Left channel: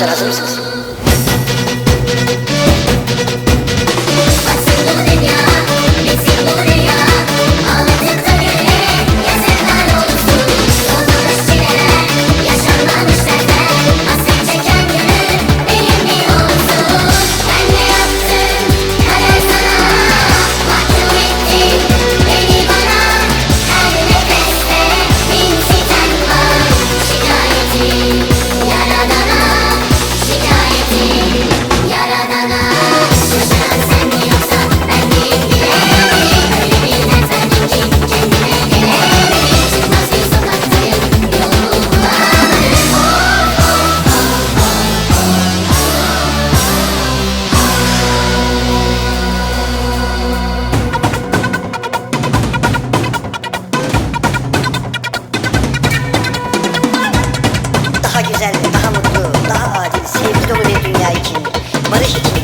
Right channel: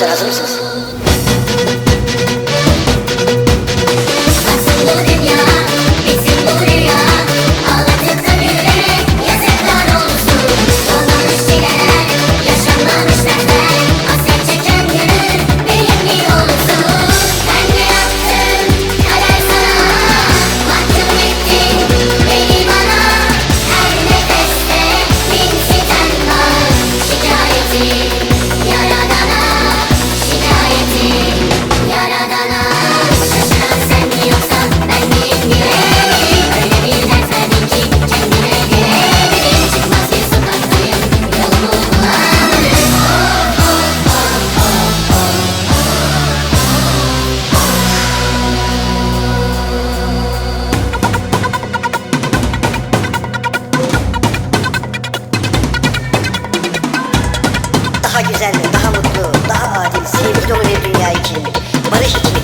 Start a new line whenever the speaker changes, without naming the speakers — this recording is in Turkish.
Başlanır mısınız? É güzel, daha mutlu, daha adil, sevgi dolu bir dünya için, barış için